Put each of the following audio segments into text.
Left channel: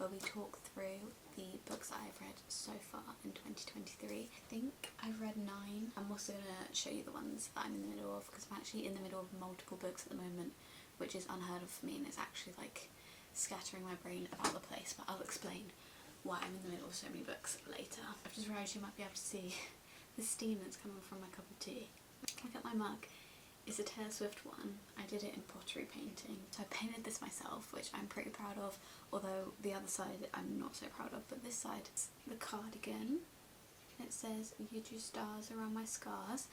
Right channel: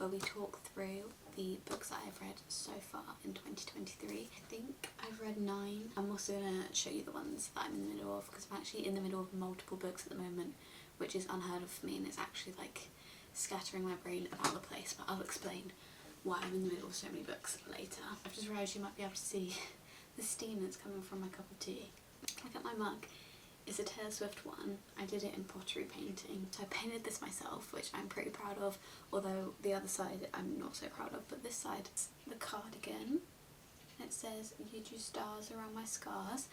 where we talk through the books that I've read so far in 2023. I think I've read 9. I'm also going to show you the ones that I'm in the middle of, because I'm actually in the middle of multiple books at the moment, which is unheard of for me, and it's actually like scattering my brain about the place, but I'll explain why I'm in the middle of so many books later. I've just realised you might be able to see the steam that's coming from my cup of tea. Look at my mug. It's a Taylor Swift one. I did it in pottery painting. So I painted this myself, which I'm pretty proud of, although the other side I'm not so proud of, but this side is the cardigan. It says, "You drew stars around my scars."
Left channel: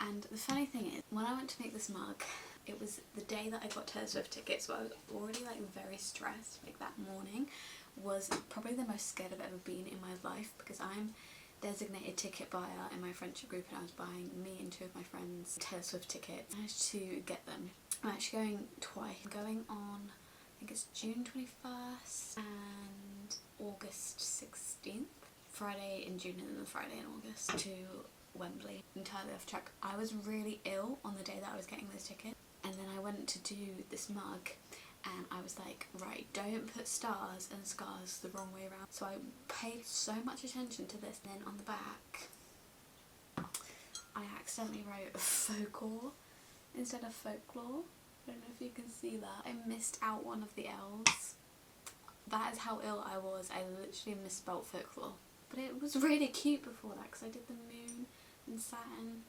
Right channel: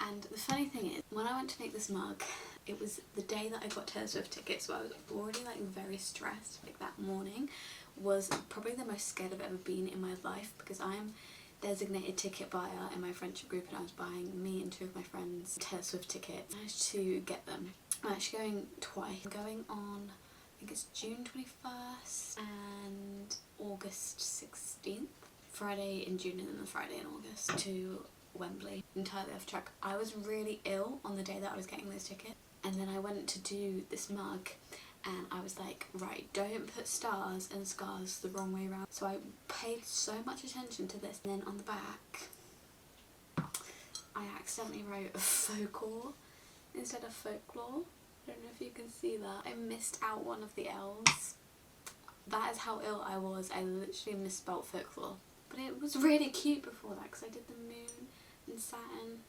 And the funny thing is, when I went to make this mug, it was the day that I got Taylor Swift tickets, so I was already like very stressed. Like that morning was probably the most scared I've ever been in my life, because I'm designated ticket buyer in my friendship group, and I was buying me and 2 of my friends Taylor Swift tickets. I managed to get them. I'm actually going twice. I'm going on, I think it's June 21st and August 16th. Friday in June and then the Friday in August to Wembley. Entirely off track. I was really ill on the day that I was getting those tickets, and then I went to do this mug and I was like, right, don't put stars and scars the wrong way around. So I paid so much attention to this, and then on the back I accidentally wrote folklore instead of folklore. I don't know if you can see that. I missed out one of the L's. That is how ill I was. I literally misspelt folklore. But it was really cute before that, because I did the moon and satin.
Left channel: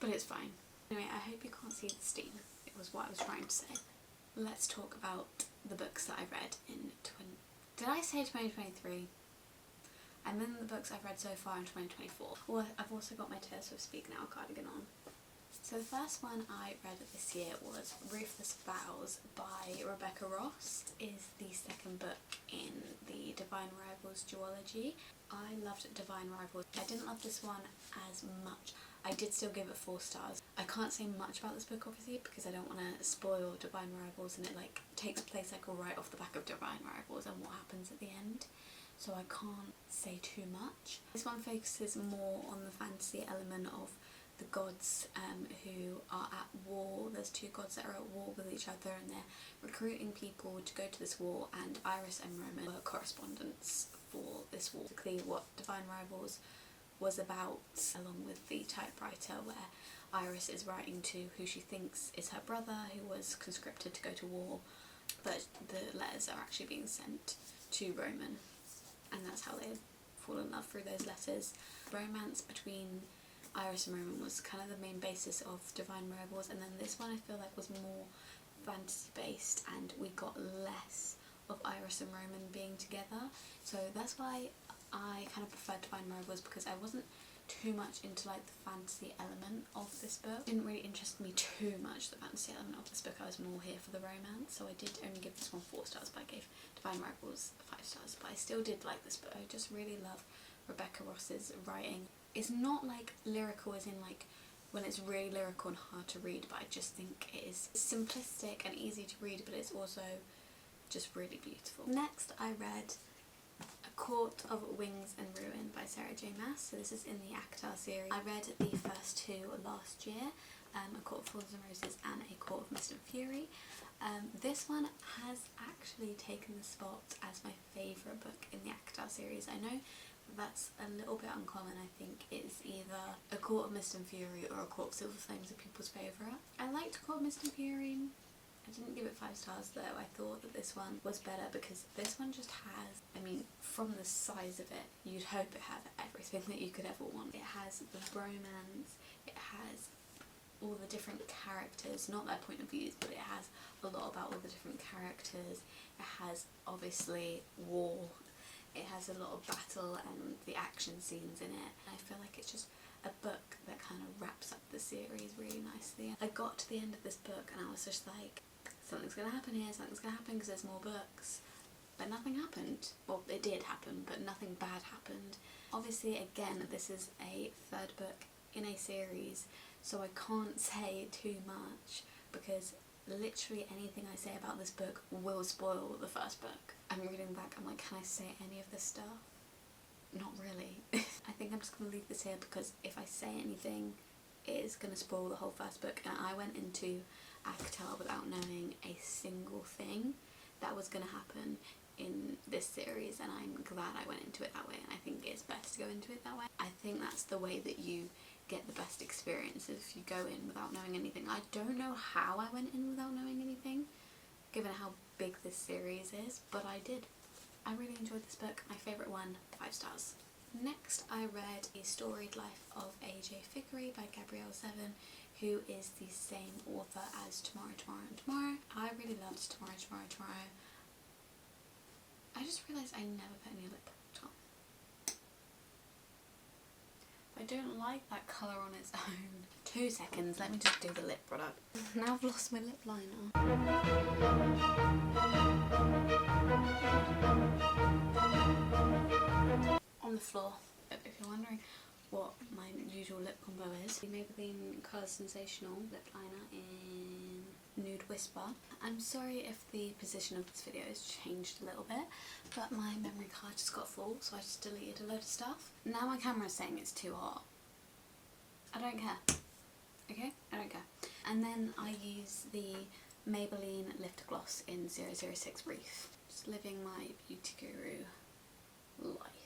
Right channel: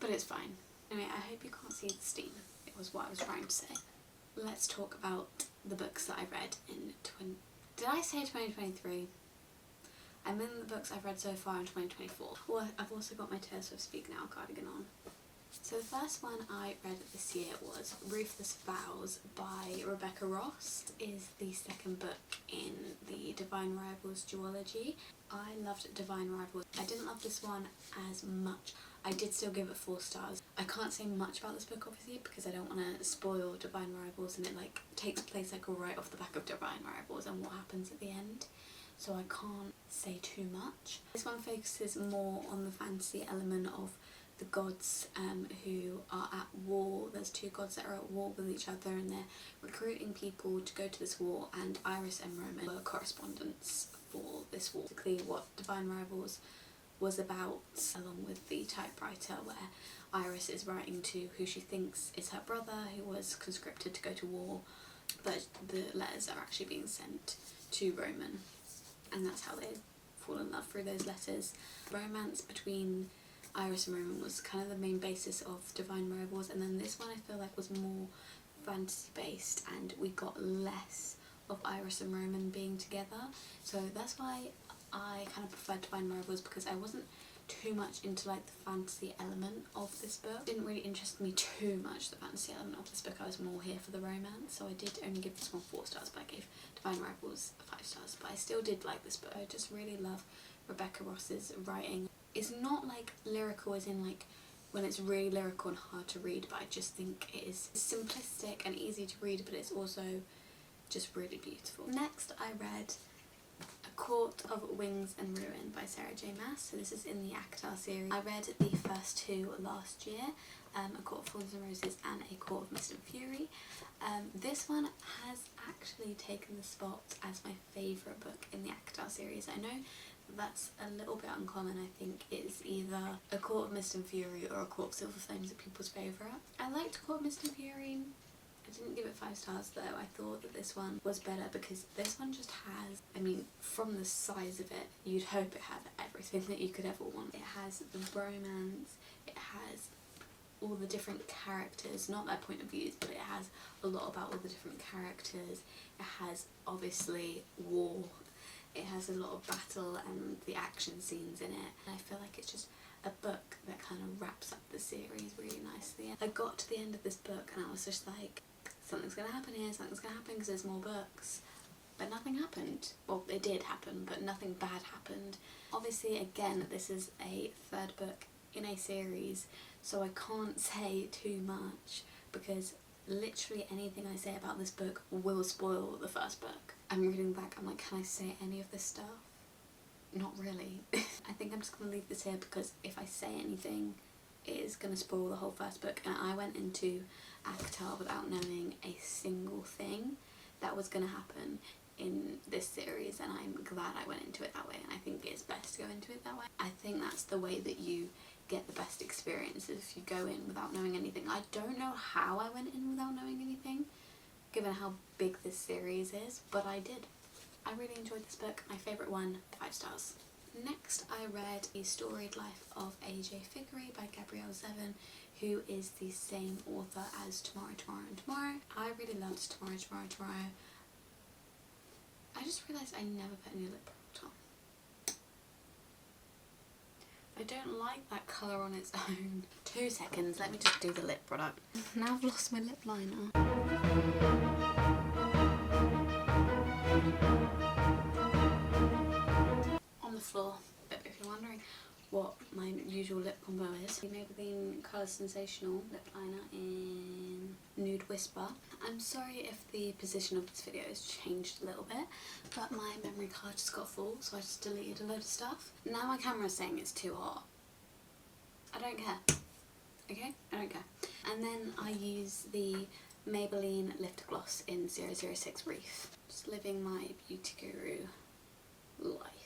But it's fine. Anyway, I hope you can't see the steam. It was what I was trying to say. Let's talk about the books that I read in Did I say 2023? I meant the books I've read so far in 2024. Well, I've also got my Taylor Swift Speak Now cardigan on. So the first one I read this year was Ruthless Vows by Rebecca Ross. It is the second book in the Divine Rivals duology. I loved Divine Rivals. I didn't love this one as much. I did still give it 4 stars. I can't say much about this book obviously, because I don't want to spoil Divine Rivals, and it like takes place like right off the back of Divine Rivals and what happens at the end. So I can't say too much. This one focuses more on the fantasy element of the gods who are at war. There's 2 gods that are at war with each other, and they're recruiting people to go to this war, and Iris and Roman were correspondents for this war. Basically what Divine Rivals was about, along with the typewriter, where Iris is writing to who she thinks is her brother, who was conscripted to go to war, but the letters are actually being sent to Roman, and that's how they fall in love through those letters. Romance between Iris and Roman was kind of the main basis of Divine Rivals, and then this one I feel like was more fantasy based, and we got less of Iris and Roman being together. So that's why I kind of preferred Divine Rivals, because I wasn't too much into like the fantasy element of this book. It didn't really interest me too much, the fantasy element of this book. I was more here for the romance, so I did only give this one 4 stars, but I gave Divine Rivals 5 stars. But I still did like this book. I just really love Rebecca Ross's writing. It's not like lyrical as in like when it's really lyrical and hard to read, but I just think it is simplistic and easy to read, but it's also just really beautiful. Next I read A Court of Wings and Ruin by Sarah J Maas. So this is in the ACOTAR series. I read the first 2 last year, A Court of Thorns and Roses and A Court of Mist and Fury. This one has actually taken the spot as my favourite book in the ACOTAR series. I know that's a little bit uncommon. I think it's either A Court of Mist and Fury or A Court of Silver Flames are people's favourite. I liked A Court of Mist and Fury. I didn't give it 5 stars though. I thought that this one was better, because this one just has, I mean, from the size of it, you'd hope it had everything that you could ever want. It has the romance, it has all the different characters, not their point of views, but it has a lot about all the different characters. It has obviously war, it has a lot of battle and the action scenes in it, and I feel like it's just a book that kind of wraps up the series really nicely. I got to the end of this book and I was just like, something's gonna happen here, something's gonna happen, because there's more books. But nothing happened. Well, it did happen, but nothing bad happened. Obviously, again, this is a 3rd book in a series, so I can't say too much, because literally anything I say about this book will spoil the 1st book. I'm reading back, I'm like, can I say any of this stuff? Not really. I think I'm just going to leave this here, because if I say anything, it is going to spoil the whole 1st book, and I went into ACOTAR without knowing a single thing that was going to happen in this series, and I'm glad I went into it that way, and I think it's best to go into it that way. I think that's the way that you get the best experience, if you go in without knowing anything. I don't know how I went in without knowing anything, given how big this series is, but I did. I really enjoyed this book. My favourite one, 5 stars. Next I read A Storied Life of A.J. Vickery by Gabrielle Zevin, who is the same author as Tomorrow, Tomorrow and Tomorrow. I really loved Tomorrow, Tomorrow, Tomorrow. I just realised I never put any lip product on. I don't like that colour on its own. 2 seconds, let me just do the lip product. Now I've lost my lip liner. On the floor, if you're wondering what my usual lip combo is. The Maybelline Colour Sensational lip liner in Nude Whisper. I'm sorry if the position of this video has changed a little bit, but my memory card just got full, so I just deleted a load of stuff. Now my camera's saying it's too hot. I don't care. Okay? I don't care. And then I use the Maybelline Lifter Gloss in 006 Reef. Just living my beauty guru life.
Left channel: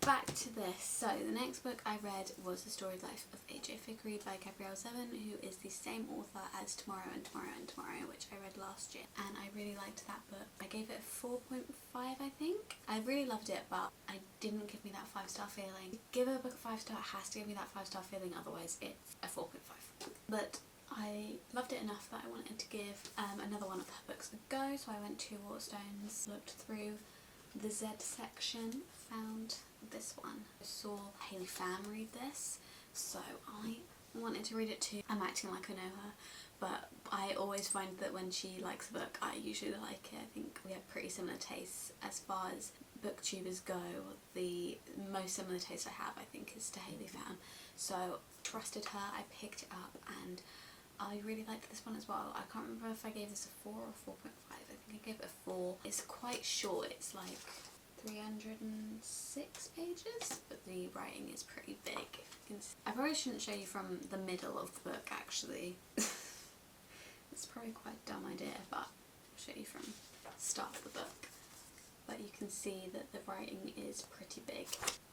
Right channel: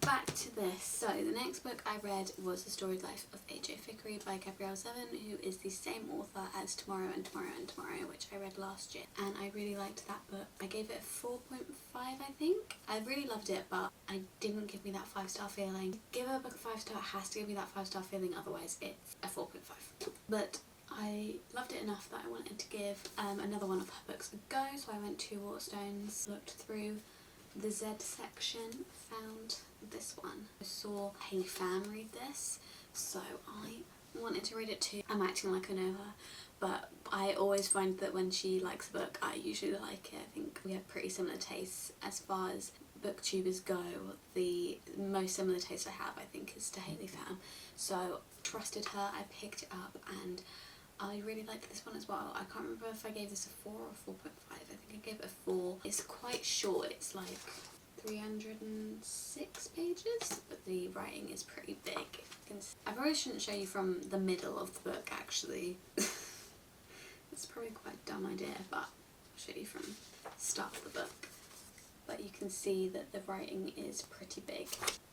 Back to this. So the next book I read was The Storied Life of A.J. Vickery by Gabrielle Zevin, who is the same author as Tomorrow and Tomorrow and Tomorrow, which I read last year, and I really liked that book. I gave it a 4.5, I think. I really loved it, but it didn't give me that 5-star feeling. Give a book a 5-star, it has to give me that 5-star feeling, otherwise it's a 4.5. But I loved it enough that I wanted to give another one of her books a go, so I went to Waterstones, looked through the Z section, found this one. I saw Hayley Pham read this, so I wanted to read it too. I'm acting like I know her, but I always find that when she likes a book, I usually like it. I think we have pretty similar tastes as far as booktubers go. The most similar taste I have, I think, is to Hayley Pham. So trusted her, I picked it up, and I really liked this one as well. I can't remember if I gave this a 4 or 4.5. I think I gave it a 4. It's quite short. It's like 306 pages, but the writing is pretty big. I probably shouldn't show you from the middle of the book, actually. It's probably quite a dumb idea, but I'll show you from the start of the book. But you can see that the writing is pretty big.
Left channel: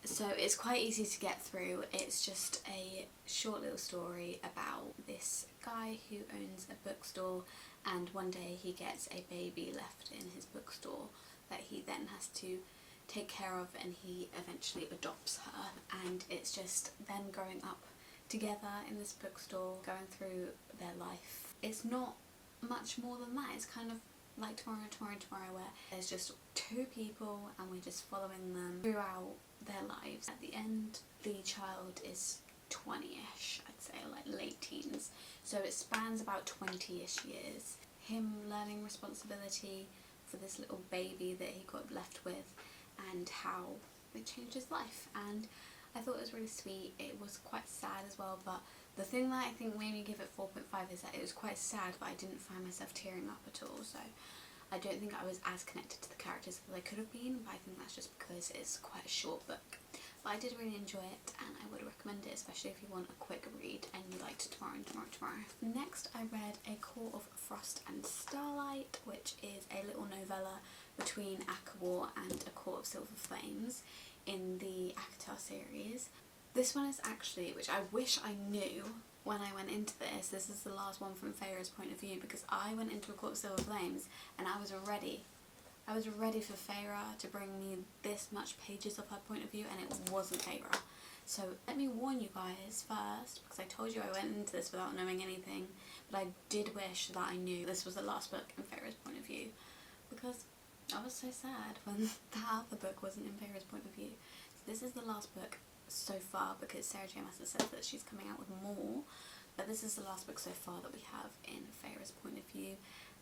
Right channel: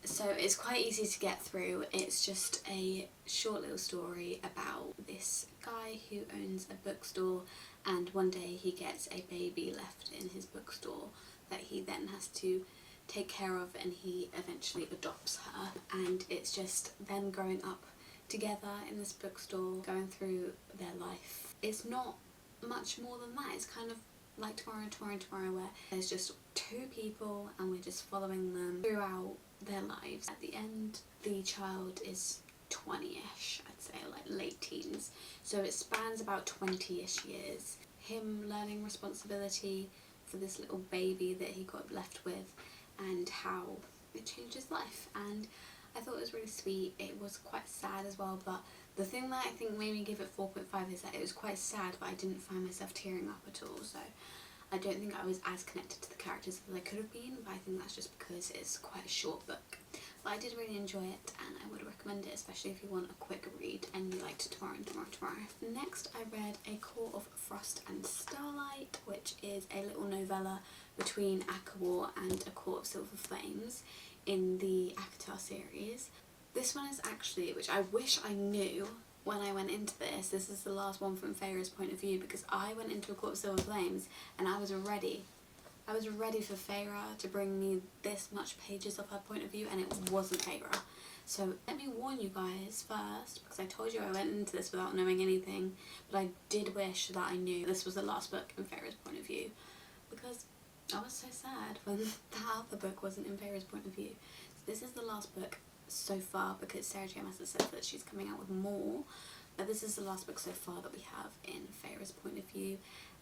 So it's quite easy to get through. It's just a short little story about this guy who owns a bookstore, and one day he gets a baby left in his bookstore that he then has to take care of, and he eventually adopts her, and it's just them growing up together in this bookstore, going through their life. It's not much more than that. It's kind of like Tomorrow, Tomorrow, Tomorrow, where there's just 2 people and we're just following them throughout their lives. At the end, the child is 20-ish, I'd say, like late teens. So it spans about 20-ish years. Him learning responsibility for this little baby that he got left with, and how it changed his life. And I thought it was really sweet. It was quite sad as well, but the thing that I think made me give it 4.5 is that it was quite sad, but I didn't find myself tearing up at all. So I don't think I was as connected to the characters as I could have been, but I think that's just because it's quite a short book. But I did really enjoy it, and I would recommend it, especially if you want a quick read and you liked Tomorrow and Tomorrow, Tomorrow. Next I read A Court of Frost and Starlight, which is a little novella between ACOWAR and A Court of Silver Flames in the ACOTAR series. This one is actually, which I wish I knew when I went into this, this is the last one from Feyre's point of view, because I went into A Court of Silver Flames and I was ready. I was ready for Feyre to bring me this much pages of her point of view, and it wasn't Feyre. So let me warn you guys first, because I told you I went into this without knowing anything, but I did wish that I knew this was the last book in Feyre's point of view, because I was so sad when that other book wasn't in Feyre's point of view. So this is the last book so far, because Sarah J Maas has said that she's coming out with more, but this is the last book so far that we have in Feyre's point of view,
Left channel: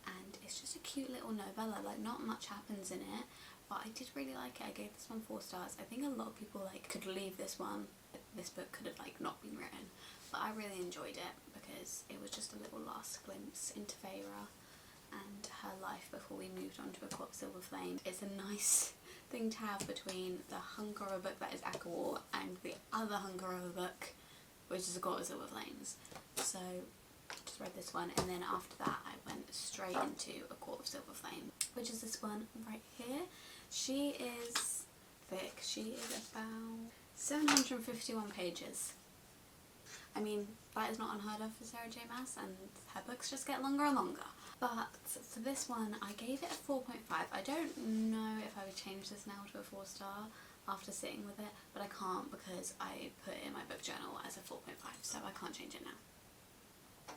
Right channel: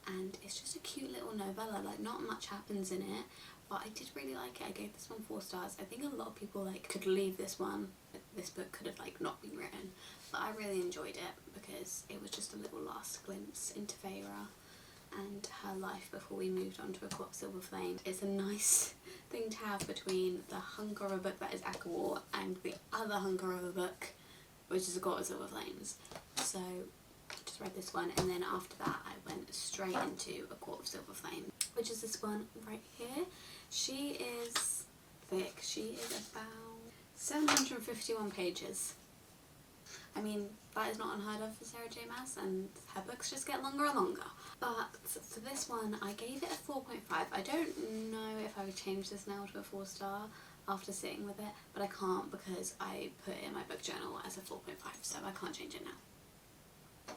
and it's just a cute little novella. Like, not much happens in it, but I did really like it. I gave this one 4 stars. I think a lot of people like could leave this one. This book could have like not been written, but I really enjoyed it because it was just a little last glimpse into Feyre and her life before we moved on to A Court of Silver Flames. It's a nice thing to have between the hunk of a book that is ACOWAR and the other hunk of a book, which is A Court of Silver Flames. So I just read this one, and then after that I went straight into A Court of Silver Flames. which is this one right here. She is thick. She is about 751 pages. I mean, that is not unheard of for Sarah J Maas, and her books just get longer and longer. But for this one, I gave it a 4.5. I don't know if I would change this now to a 4-star after sitting with it, but I can't because I put it in my book journal as a 4.5, so I can't change it now.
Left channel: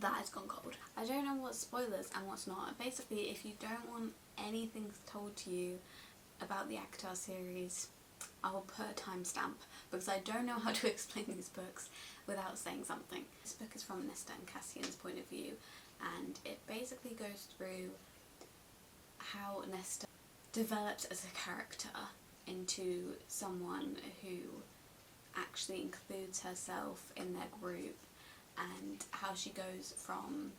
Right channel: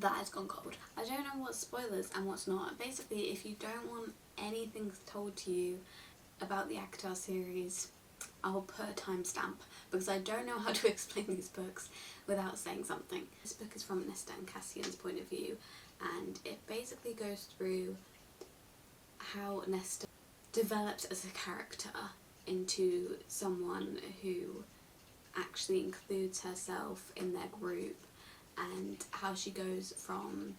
That has gone cold. I don't know what's spoilers and what's not. Basically, if you don't want anything told to you about the ACOTAR series, I will put a timestamp because I don't know how to explain these books without saying something. This book is from Nesta and Cassian's point of view, and it basically goes through how Nesta develops as a character into someone who actually includes herself in their group, and how she goes from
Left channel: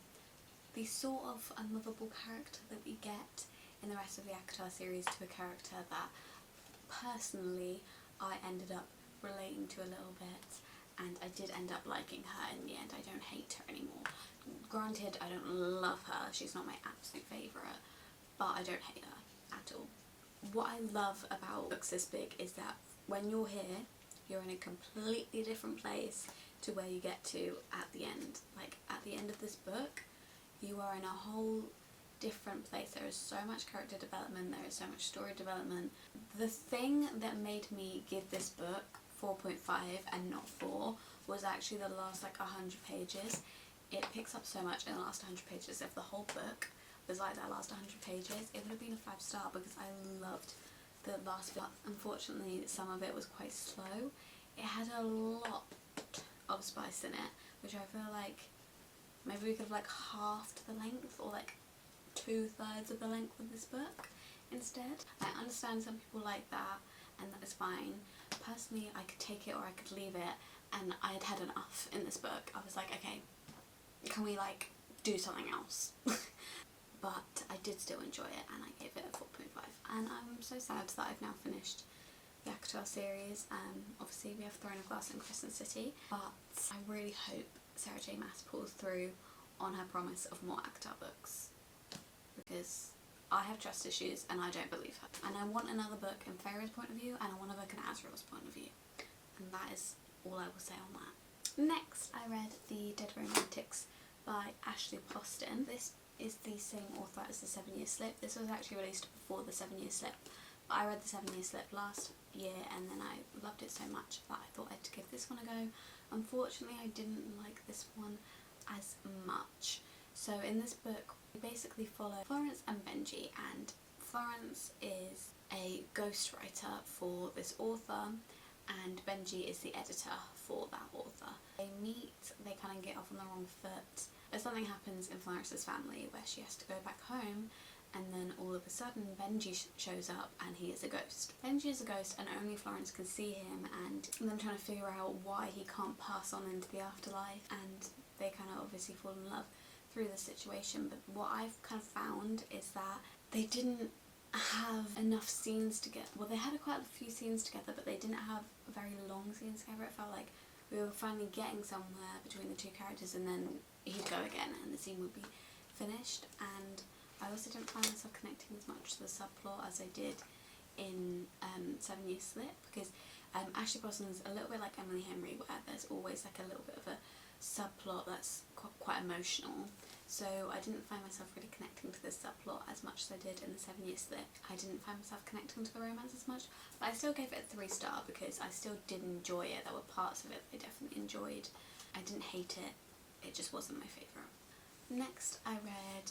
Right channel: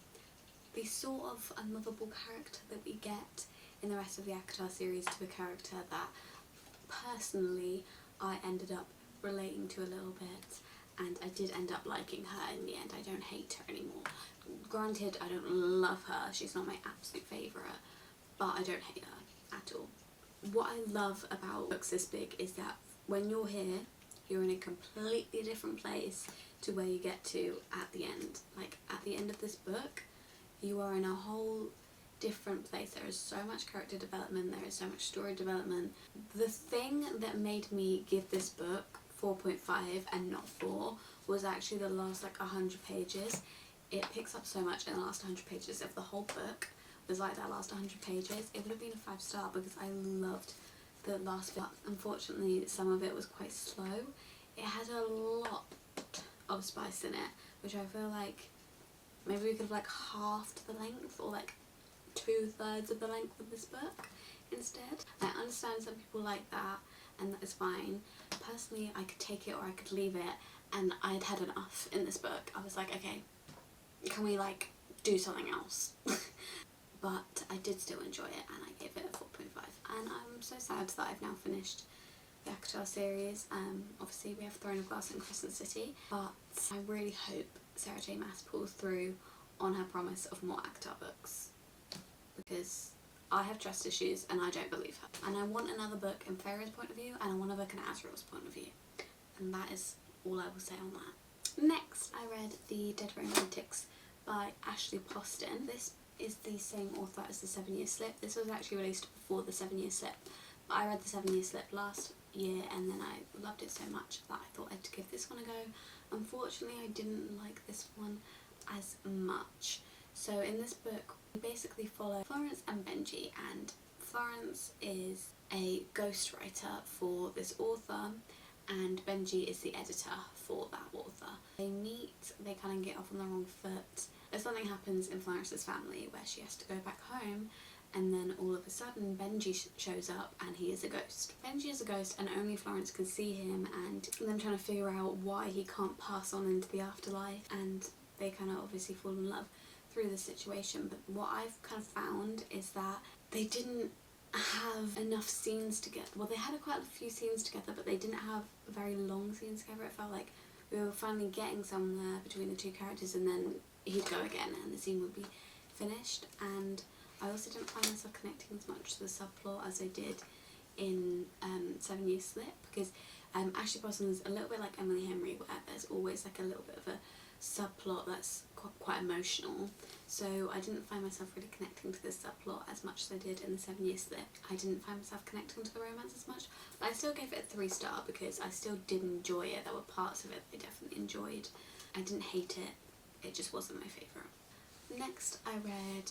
the sort of unlovable character that we get in the rest of the ACOTAR series to a character that personally I ended up relating to a little bit, and I did end up liking her in the end. I don't hate her anymore. Granted, I don't love her, she's not my absolute favourite, but I don't hate her at all. What I love about books this big is that when you're here, you're in a completely different place to where you get to at the end. Like, at the end of this book, you are in a whole different place. There is so much character development, there is so much story development. The thing that made me give this book 4.5 and not 4 was actually the last like 100 pages. It picks up so much in the last 100 pages. If the whole book was like that last 100 pages, it would have been a 5-star because I loved the last bit. Unfortunately, some of it was quite slow. It had a lot of spice in it, which I feel like maybe we could have like halved the length, or like 2/3 of the length of this book instead. I understand some people like that, and that is fine. Personally, I could take it or I could leave it, and I had had enough in this book. I was like, okay, can we like do something else? But I did still enjoy it, and I gave it a 4.5. And I'm so sad that I've now finished the ACOTAR series. Obviously we have Throne of Glass and Crescent City, but I really hope Sarah J Maas pulls through on her promise of more ACOTAR books, because I have trust issues and I don't believe her. And I want another book in Feyre's point of view, and I want a book in Azriel's point of view. And that is all I will say on that. Next, I read The Dead Romantics by Ashley Poston. This is the same author as The 7-Year Slip. This was actually released before The 7-Year Slip, but I read The 7-Year Slip last year and then I loved it so much that I thought I'd give this one a go. Unfortunately, I didn't like this one as much. So in this book, we basically follow Florence and Benji, and Florence is a ghostwriter for this author and Benji is the editor for that author. They meet, they kind of get off on the wrong foot. Something happens in Florence's family where she has to go back home, and then all of a sudden Benji shows up and he is a ghost. Benji is a ghost and only Florence can see him, and them trying to figure out why he can't pass on into the afterlife, and they kind of obviously fall in love through the situation. But what I've kind of found is that they didn't have enough scenes together. Well, they had quite a few scenes together, but they didn't have very long scenes together. It felt like we were finally getting somewhere between the two characters, and then he'd go again and the scene would be finished. And I also didn't find myself connecting as much to the subplot as I did in 7-Year Slip, because Ashley Poston is a little bit like Emily Henry, where there's always like a little bit of a subplot that's quite emotional. So I didn't find myself really connecting to this subplot as much as I did in the 7-Year Slip. I didn't find myself connecting to the romance as much, but I still gave it a 3-star because I still did enjoy it. There were parts of it I definitely enjoyed. I didn't hate it, it just wasn't my favourite. Next I read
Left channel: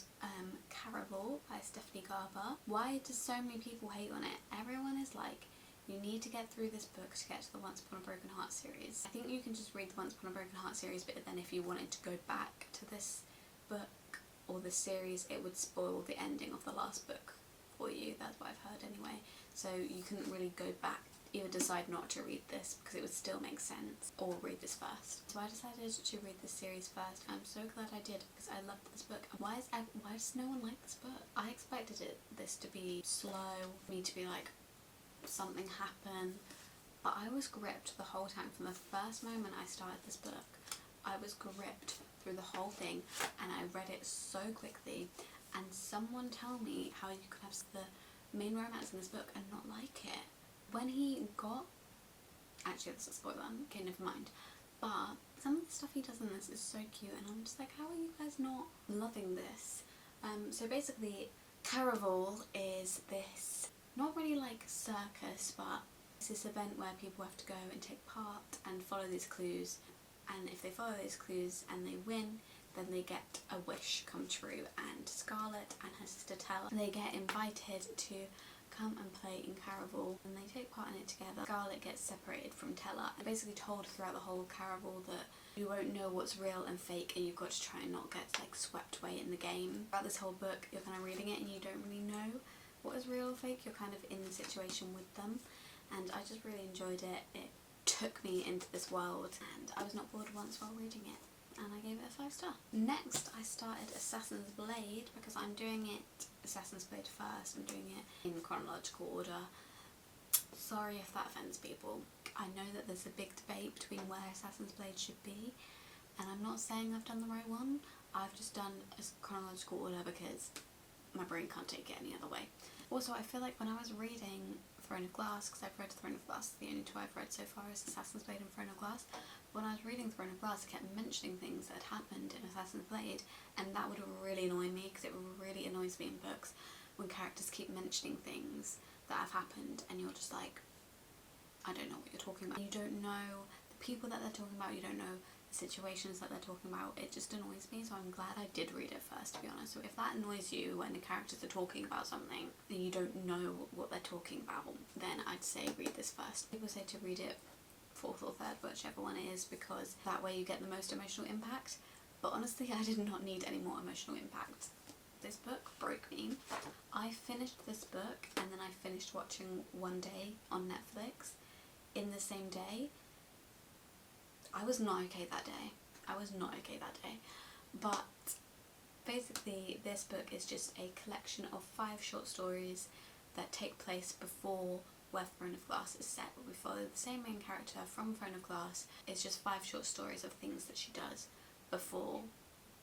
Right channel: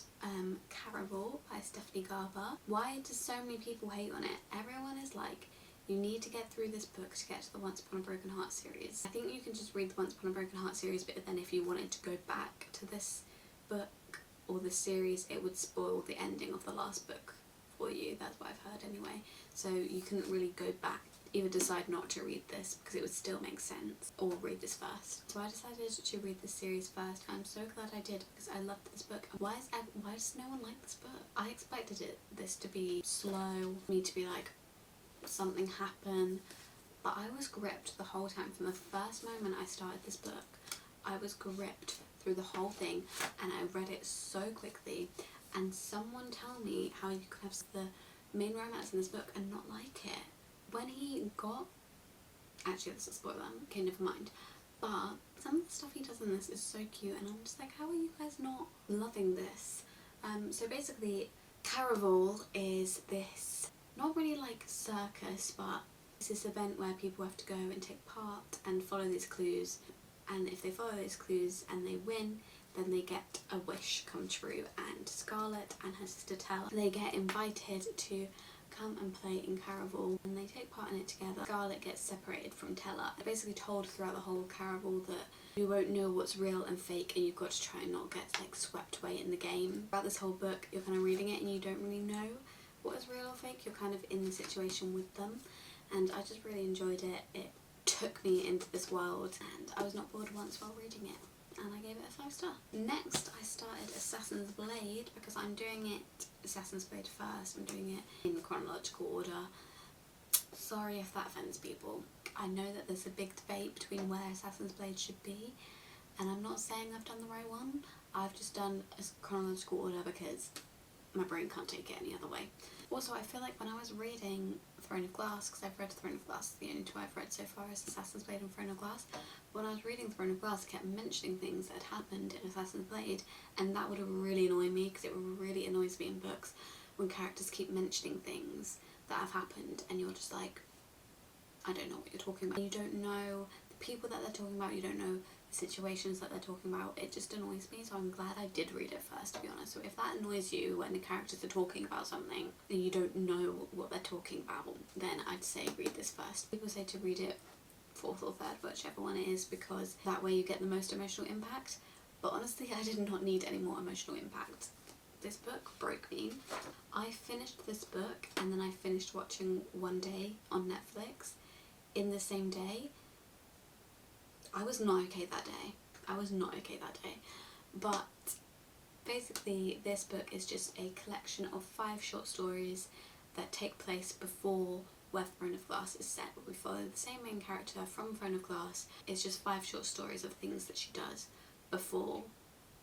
Caraval by Stephanie Garber. Why do so many people hate on it? Everyone is like, you need to get through this book to get to the Once Upon a Broken Heart series. I think you can just read the Once Upon a Broken Heart series, but then if you wanted to go back to this book or this series, it would spoil the ending of the last book for you. That's what I've heard anyway. So you couldn't really go back, either decide not to read this because it would still make sense, or read this first. So I decided to read this series first. I'm so glad I did because I loved this book. Why does no one like this book? I expected this to be slow, me to be like, something happen, but I was gripped the whole time. From the first moment I started this book, I was gripped through the whole thing, and I read it so quickly. and someone tell me how you could have the main romance in this book and not like it. When he got... Actually, this is a spoiler, okay, never mind. But some of the stuff he does in this is so cute, and I'm just like, how are you guys not loving this? So basically, Caraval is this, not really like circus, but it's this event where people have to go and take part and follow these clues, and if they follow these clues and they win, then they get a wish come true, and Scarlett and her sister Tella, they get invited to come and play in Caraval, and they take part in it together. Scarlett gets separated from Tella. They're basically told throughout the whole Caraval that you won't know what's real and fake, and you've got to try and not get like swept away in the game. Throughout this whole book, you're kind of reading it and you don't really know what is real or fake. You're kind of in the situation with them, and I just really enjoyed it. It took me into this world, and I was not bored once while reading it, and I gave it a 5 star. Next, I started Assassin's Blade because I'm doing it Assassin's Blade first. I'm doing it in chronological order. Sorry if that offends people. I know that there's a big debate between where Assassin's Blade should be, and I'm not saying I've done the right one. I've just done a chronological order because my brain can't take it any other way. Also, I feel like when I was reading Throne of Glass, because I've read Throne of Glass, the only two I've read so far is Assassin's Blade and Throne of Glass. When I was reading Throne of Glass, I kept mentioning things that had happened in Assassin's Blade, and that would really annoy me, because it really annoys me in books when characters keep mentioning things that have happened, and you're just like, I don't know what you're talking about. You don't know the people that they're talking about, you don't know the situations that they're talking about. It just annoys me, so I'm glad I did read it first, to be honest. So if that annoys you when the characters are talking about something and you don't know what they're talking about, then I'd say read this first. People say to read it fourth or third, whichever one it is, because that way you get the most emotional impact. But honestly, I did not need any more emotional impact. This book broke me. I finished this book and then I finished watching One Day on Netflix in the same day. I was not okay that day. I was not okay that day. But basically this book is just a collection of 5 short stories that take place before where Throne of Glass is set. We follow the same main character from Throne of Glass. It's just 5 short stories of things that she does before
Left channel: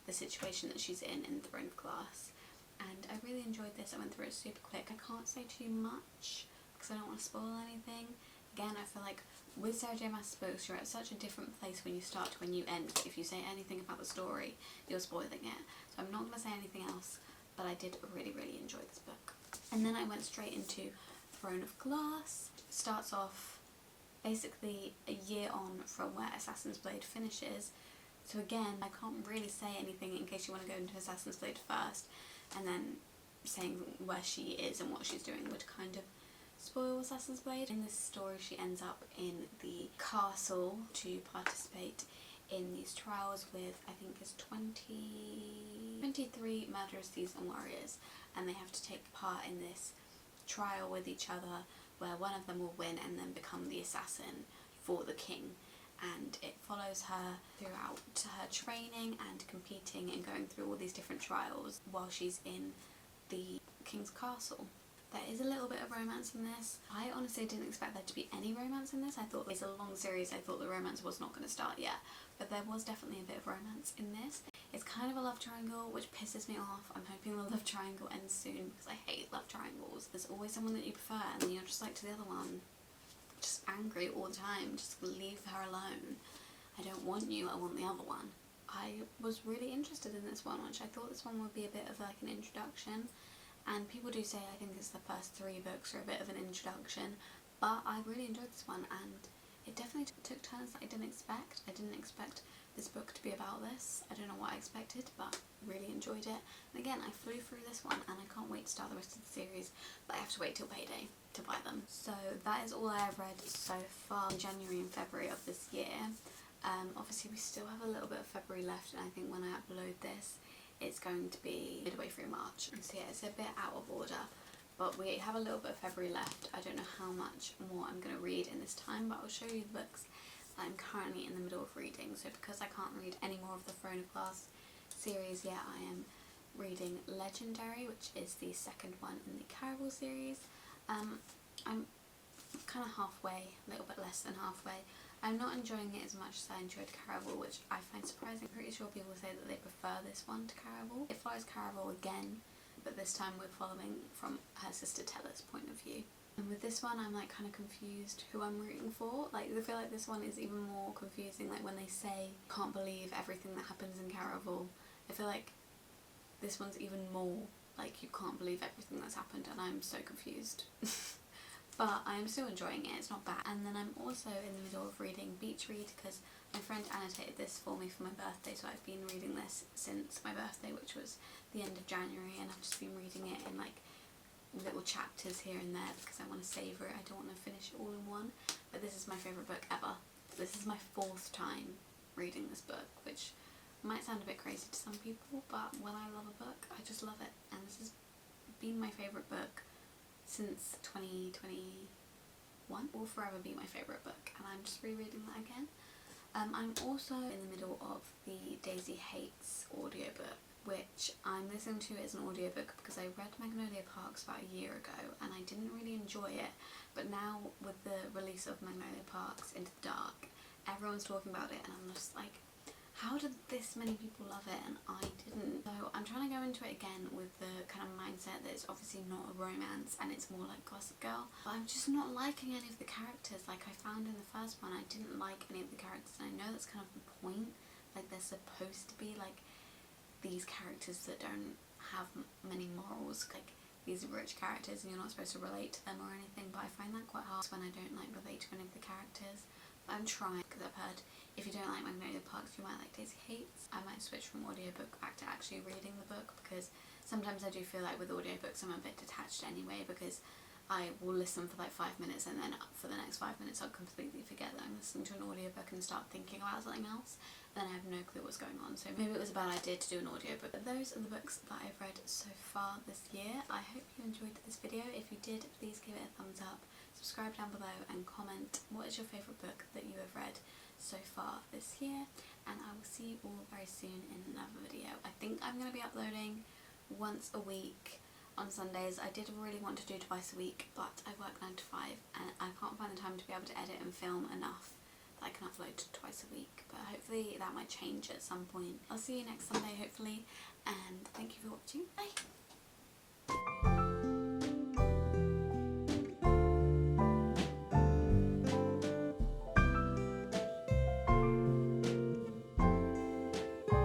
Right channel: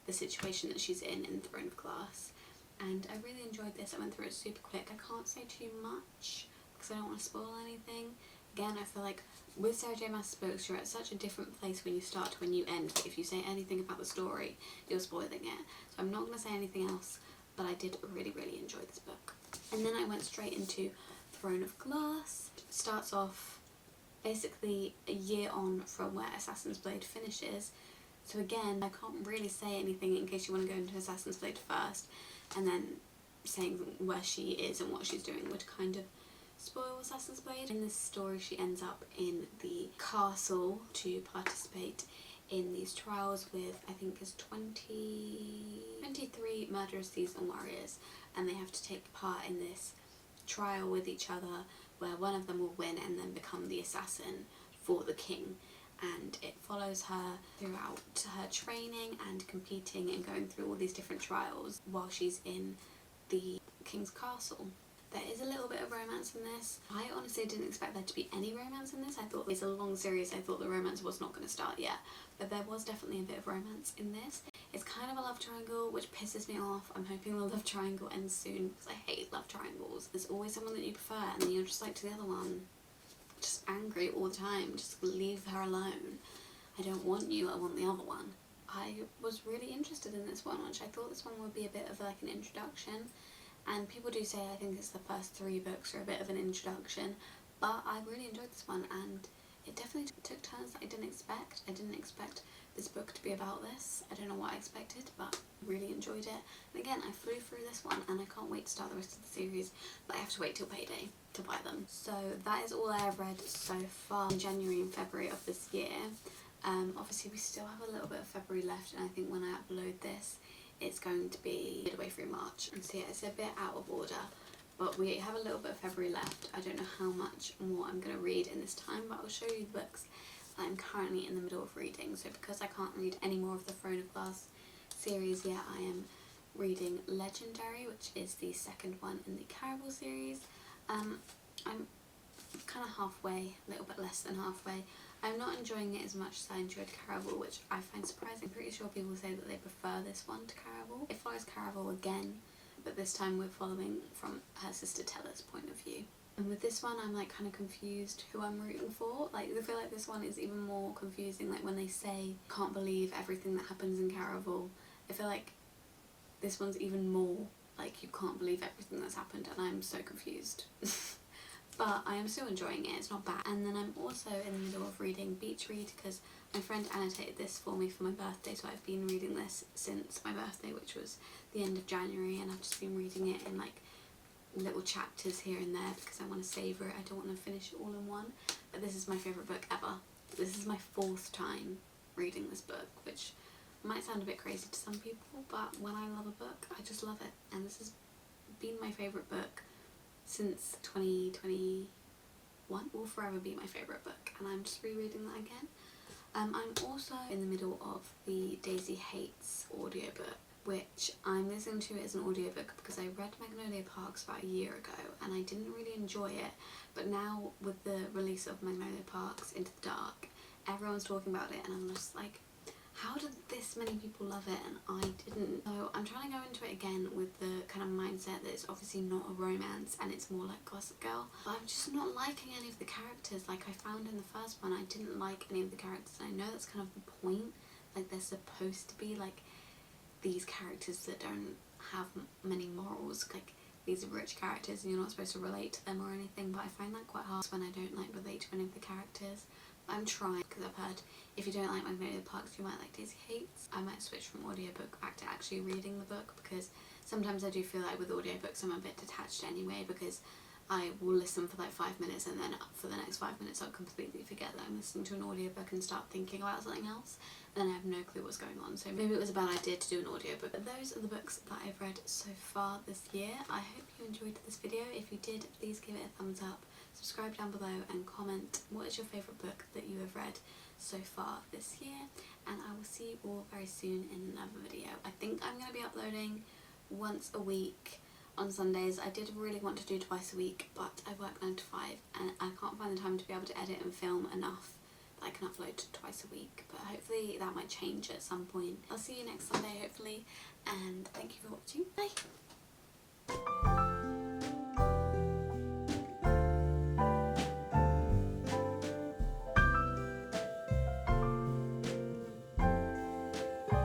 the situation that she's in Throne of Glass. And I really enjoyed this. I went through it super quick. I can't say too much because I don't want to spoil anything. Again, I feel like with Sarah J Maas's books, you're at such a different place when you start to when you end. If you say anything about the story, you're spoiling it. So I'm not going to say anything else, but I did really, really enjoy this book. And then I went straight into Throne of Glass. It starts off basically a year on from where Assassin's Blade finishes. So again, I can't really say anything in case you want to go into Assassin's Blade first, and then saying where she is and what she's doing would kind of spoil Assassin's Blade. In this story, she ends up in the castle to participate in these trials with, I think it's 23 murderous thieves and warriors, and they have to take part in this trial with each other where one of them will win and then become the assassin for the king. And it follows her throughout her training and competing and going through all these different trials while she's in the king's castle. There is a little bit of romance in this. I honestly didn't expect there to be any romance in this. I thought it's a long series. I thought the romance was not going to start yet, but there was definitely a bit of romance in this. It's kind of a love triangle, which pisses me off. I'm hoping the love triangle ends soon because I hate love triangles. There's always someone that you prefer and then you're just like to the other one, just angry all the time. Just leave her alone. I don't want you, I want the other one. I was really interested in this one, which I thought this one would be a bit of like an introduction. And people do say I think it's the first 3 books are a bit of an introduction, but I really enjoyed this one, and it definitely took turns that I didn't expect. I didn't expect this book to be about this. I don't know what I expected, but really enjoyed it. And again, I flew through this one and I can't wait to start the rest of the series, but I have to wait till payday to buy them. So that is all I have read so far in January and February of this year. Obviously we still have a little bit of February left, and I think when I upload this it's going to be midway through March, and so yeah, it's a bit out of order, but we have a little bit of February left. I don't know how much more I'm going to read in this time, but I'll show you the books that I'm currently in the middle of reading. So because I can't read any more of the Throne of Glass series yet, I am reading Legendary, which is the second one in the Caraval series. I'm kind of halfway, a little bit less than halfway. I'm not enjoying it as much as I enjoyed Caraval, which I find surprising. I'm pretty sure people say that they prefer this one to Caraval. It follows Caraval again, but this time we're following from her sister Tella's point of view. And with this one I'm like kind of confused who I'm rooting for. Like I feel like this one is even more confusing, like when they say can't believe everything that happens in Caraval. I feel like this one's even more like you can't believe everything that's happened, and I'm so confused. But I am still enjoying it, it's not bad. And then I'm also in the middle of reading Beach Read because my friend annotated this for me for my birthday, so I've been reading this since my birthday, which was the end of January, and I've just been reading it in like little chapters here and there because I want to savour it. I don't want to finish it all in one. But this is my favourite book ever. This is my 4th time reading this book, which might sound a bit crazy to some people, but when I love a book, I just love it. And this has been my favourite book since 2021. Will forever be my favourite book, and I'm just rereading that again. I'm also in the middle of the Daisy Hates audiobook, which I'm listening to as an audiobook because I read Magnolia Parks about a year ago and I didn't really enjoy it, but now with the release of Magnolia Parks Into the Dark, everyone's talking about it and I'm just like, how did this many people love it and I didn't? So I'm trying to go into it again with the kind of mindset that it's obviously not a romance and it's more like Gossip Girl. But I'm just not liking any of the characters. Like I found in the first one, I didn't like any of the characters, and I know that's kind of the point. Like they're supposed to be like these characters that don't have many morals. Like these are rich characters and you're not supposed to relate to them or anything, but I find that quite hard when I don't like relate to any of the characters. I'm trying, because I've heard if you don't like Magnolia Parks you might like Daisy Hates. I might switch from audiobook back to actually reading the book, because sometimes I do feel like with audiobooks I'm a bit detached anyway, because I will listen for like 5 minutes and then for the next 5 minutes I'll completely forget that I'm listening to an audiobook and start thinking about something else, and then I have no clue what's going on. So maybe it was a bad idea to do an audiobook. But those are the books that I've read so far this year. I hope you enjoyed this video. If you did, please give it a thumbs up, subscribe down below and comment what is your favourite book that you have read so far this year, and I will see you all very soon in another video. I think I'm going to be uploading once a week on Sundays. I did really want to do twice a week, but I work 9 to 5 and I can't find the time to be able to edit and film enough that I can upload twice a week, but hopefully that might change at some point. I'll see you next Sunday hopefully, and thank you for watching. Bye!